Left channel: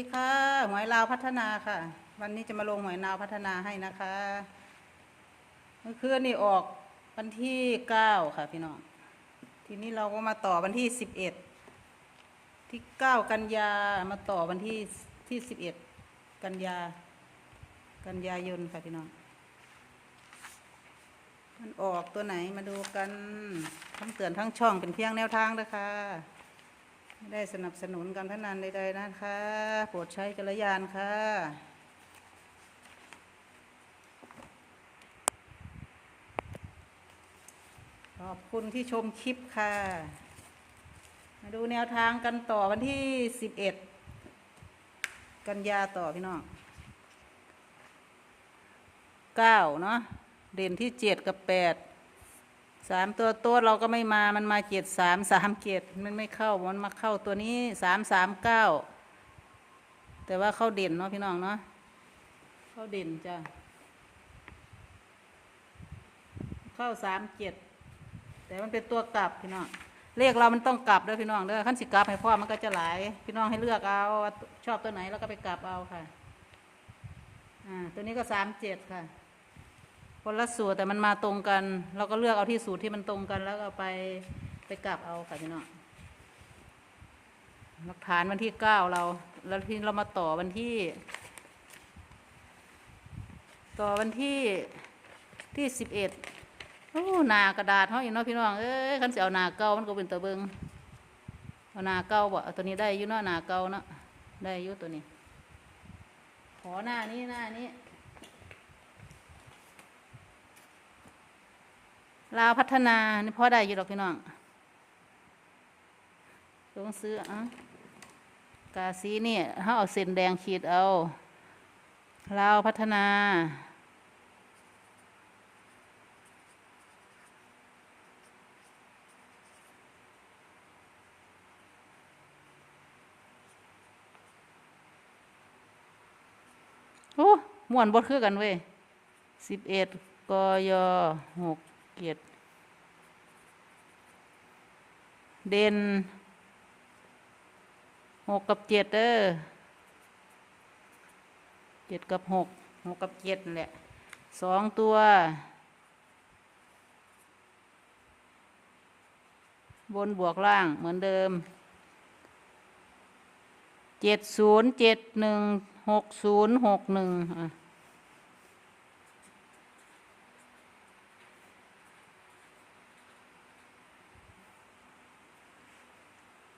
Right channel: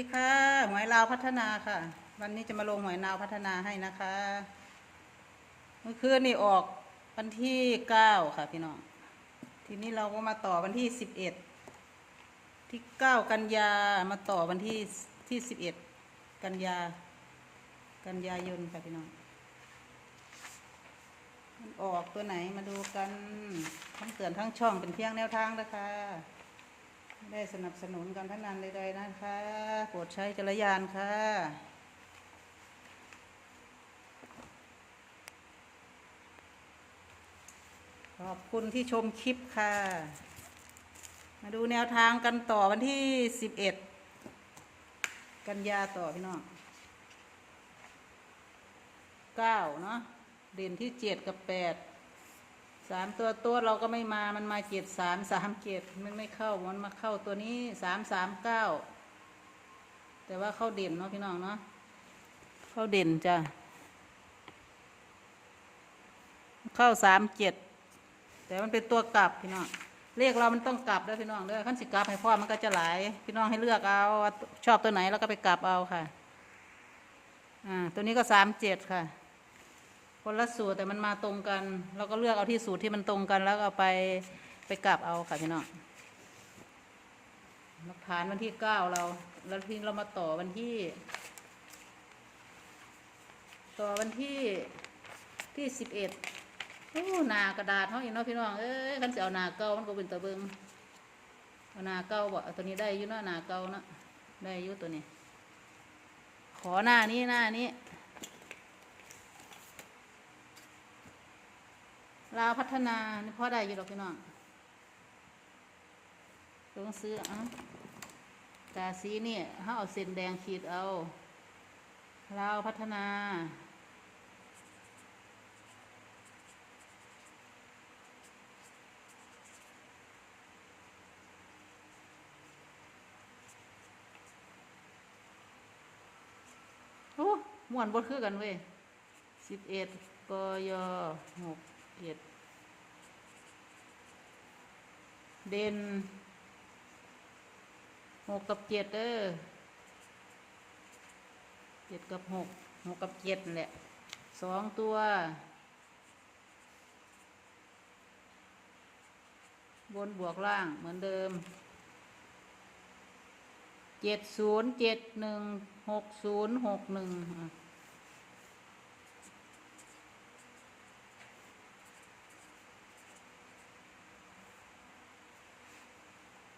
ดีค่ะหวยลาวพัฒนาค่ะ วันนี้จะมาลงหวยลาวพัฒนาให้นะคะเมื่อคืนนี่ออกวันที่เก้าค่ะพี่น้อง ทีนี้เราก็มาต่อวันที่สิบเอ็ดที่เก้ากันยามาต่อวันที่ที่สิบเอ็ดกันยา กันยายนค่ะพี่น้อง มันออกตัวไหนมาดูกันทั้งเตือนทั้งช่องเป็นเพียงแนวทางนะคะ ได้สนับสนุนการพนันใดๆนะคะโปรดใช้จักรยานค่ะ ขอบคุณที่ชมคลิปค่ะ มาดูแนวทางกันต่อวันที่สิบเอ็ดกันยาต่อพี่น้องเก้าเนาะเด่นที่เจ็ดกับแปด สามตัวตัวเราก็ไม่มามันมาเจ็ดสามสามเจ็ดมันไม่เข้ามันมาเข้าตัวนี้สามสามเก้าแต่ว่าเข้าเด่นเนาะพี่น้องเนาะเข้าเด่นจ้ะเข้าสามเจ็ดแต่มันเป็นตัวกลับพี่น้องเลขเรามันต้องกลับด้วยพี่น้องเด้อขั้นสิกลับให้พ่อมันก็จะหลาย พี่น้องให้เลือกเอาว่าชอบตัวไหนแล้วก็ไปกลับเอาค่ะ อ่า ตัวนี้ก็สามเจ็ดค่ะ คนละสูตรแต่มันมาตรงกันเราก็เลือกเอาที่สูตรที่มันตรงกัน แล้วเอาไปไปกลับเอาค่ะพี่น้องหลักฐานวันที่เก้าเรา แล้วที่เรามาต่อวันที่ ต่อวันที่ที่สิบเอ็ดโอ้หนากระดาษเฮาอีกเนาะพี่น้องเอ้ยคันเสิเอาหนาเก่ามันก็เป็นตะเบิงเอาหนาเก่าบ่เอาตัวนี้ได้อยู่เนาะหนาเก่าเนาะได้อยู่ตัวนี้ ขอหน้านี้หน้านี้ ลาวพัฒนานี่พ่อได้อยู่ดอกพี่น้องต้องซื้ออะกาซีนี่เฮาเอาเส้นแดงขีดเอาลาวพัฒนา โอ้ม่วนบดคือกันเว้ยสิบเอ็ดกยหก เจ็ดเด่นหกกับเจ็ดเด้อเจ็ดกับหกหกกับเจ็ดนั่นแหละสองตัวบนบวกล่างเหมือนเดิม เจ็ดศูนย์เจ็ดหนึ่งหกศูนย์หกหนึ่ง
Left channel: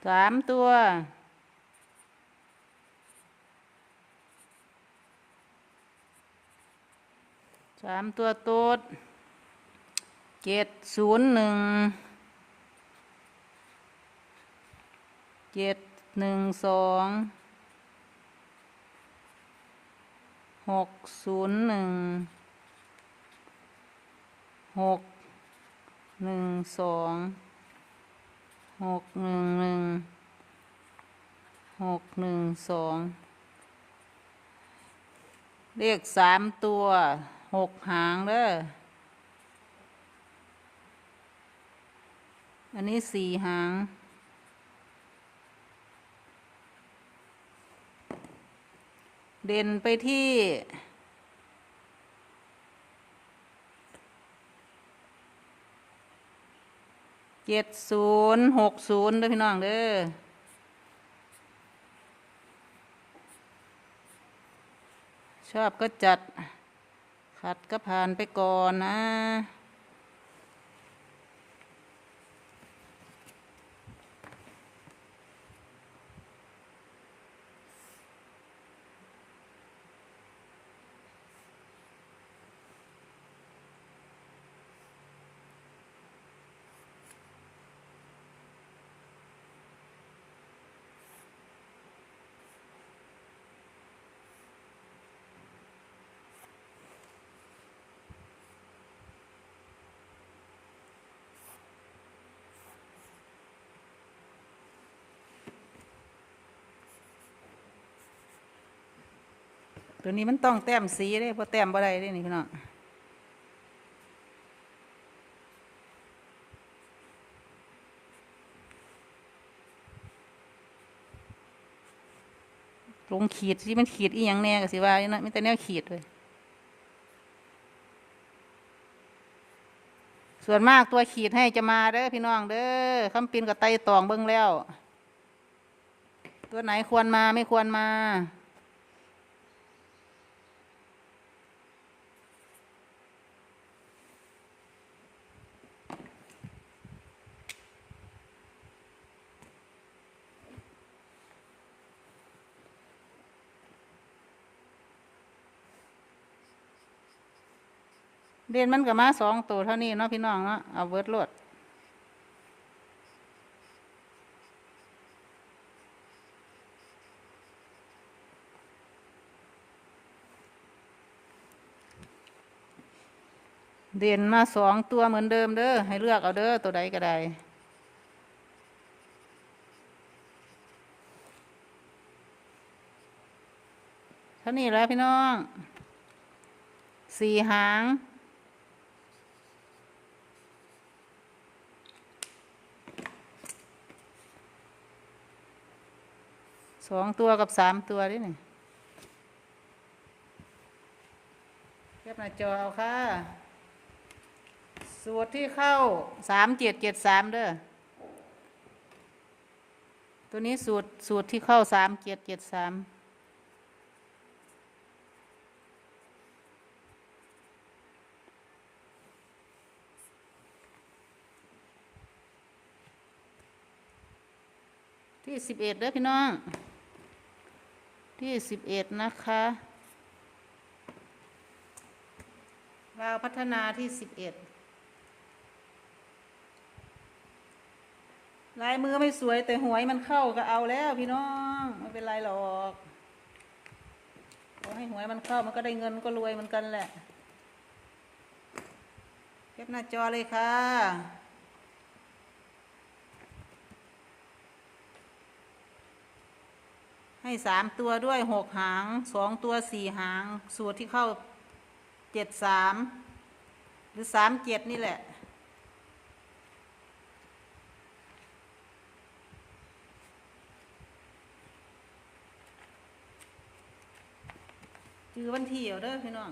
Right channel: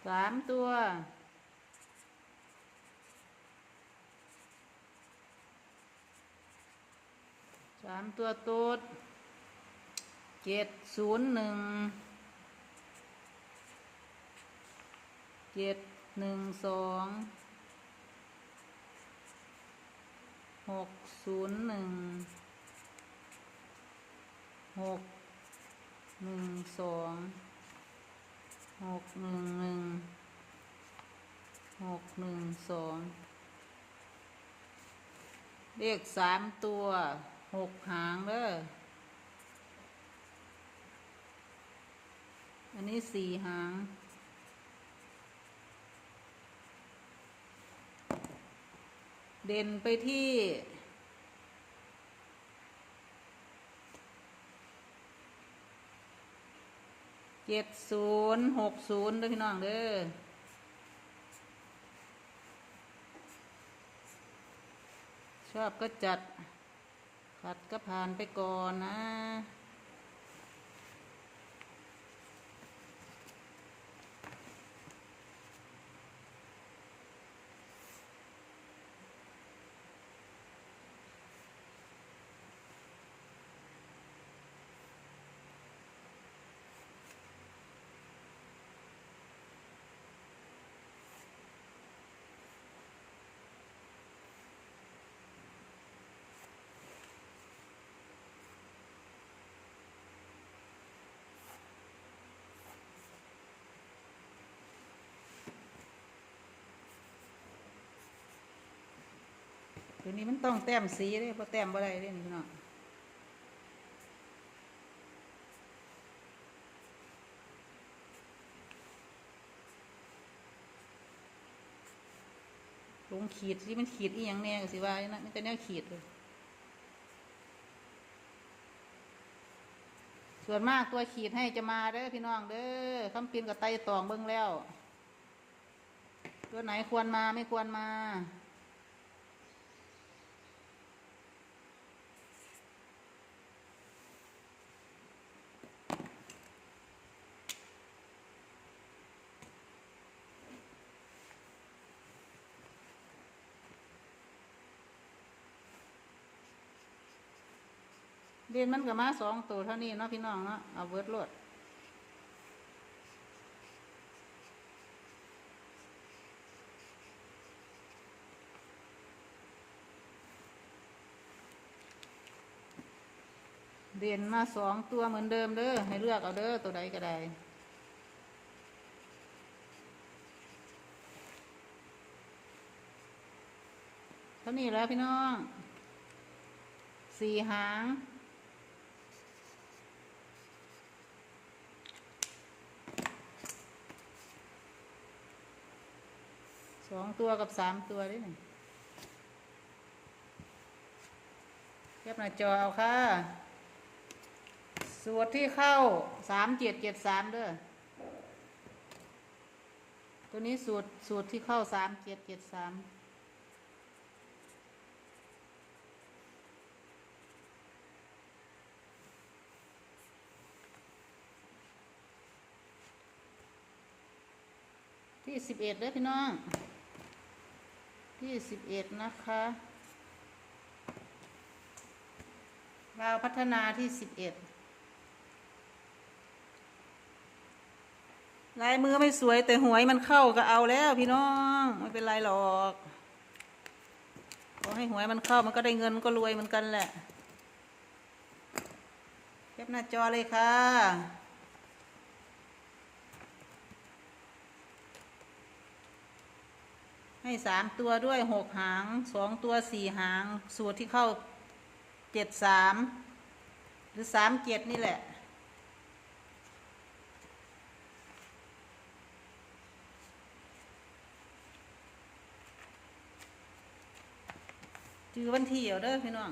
สามตัว สามตัวตูดเจ็ดศูนย์หนึ่ง เจ็ดหนึ่งสอง หกศูนย์หนึ่ง หกหนึ่งสอง หกหนึ่งหนึ่งหกหนึ่งสองเลขสามตัวหกหางเด้ออันนี้สี่หางเด่นไปที่ เจ็ดศูนย์หกศูนย์ด้อพี่น้องเด้อชอบก็จัดขัดก็ผ่านไปก่อนนะ ตัวนี้มันต้องแต้มสีเด้เพราะแต้มบ่ได้เด้นี่พี่น้องลงขีดที่มันขีดอีหยังแน่ก็สิว่าอยู่นะมีแต่แนวขีดเลย ส่วนมากตัวขีดให้จะมาเด้อพี่น้องเด้อคำปินกับไตตองเบิ้งแล้ว ตัวไหนควรมาไม่ควรมา เด่นมันก็มาสองตัวเท่านี้เนาะพี่น้องเนาะเอาเวิร์ดโลดเด่นมาสองตัวเหมือนเดิมเด้อให้เลือกเอาเด้อตัวใดก็ได้เท่านี้แล้วพี่น้องสี่หาง องตัวกับสามตัวนี่นี่เทียบหน้าจอเอาค่ะ สูตรที่เข้าสามเจ็ดเจ็ดสามเด้อ ตัวนี้สูตรสูตรที่เข้าสามเจ็ดเจ็ดสามที่สิบเอ็ดเด้อพี่น้อง ที่สิบเอ็ดนะคะเราวพัฒนาที่สิบเอ็ดลายมือไม่สวยแต่หวยมันเข้าก็เอาแล้วพี่น้องไม่เป็นไรหรอกขอให้หวยมันเข้ามันก็ได้เงินก็รวยเหมือนกันแหละเก็บหน้าจอเลยค่ะ ให้สามตัวด้วยหกหางสองตัวสี่หาง สูตรที่เข้าเจ็ดสามหรือสามเจ็ดนี่แหละ จือวันที่เอาเด้อพี่น้อง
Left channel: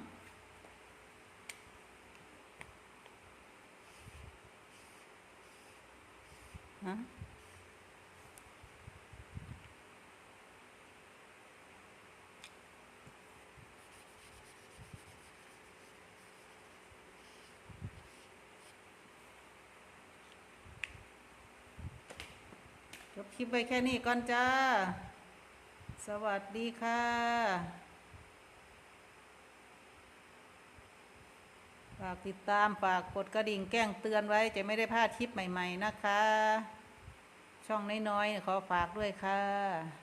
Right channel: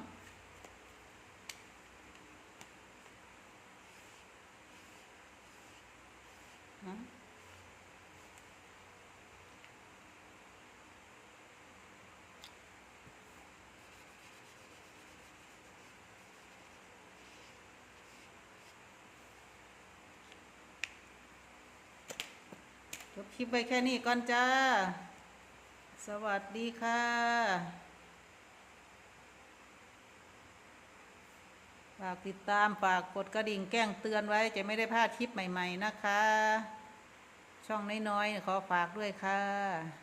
บคลิปไว้แค่นี้ก่อนจ้า สวัสดีค่ะฝากติดตามฝากกดกระดิ่งแก้งเตือนไว้จะไม่ได้พลาดคลิปใหม่ ๆ นะคะ ช่องน้อยๆขอฝากด้วยค่ะ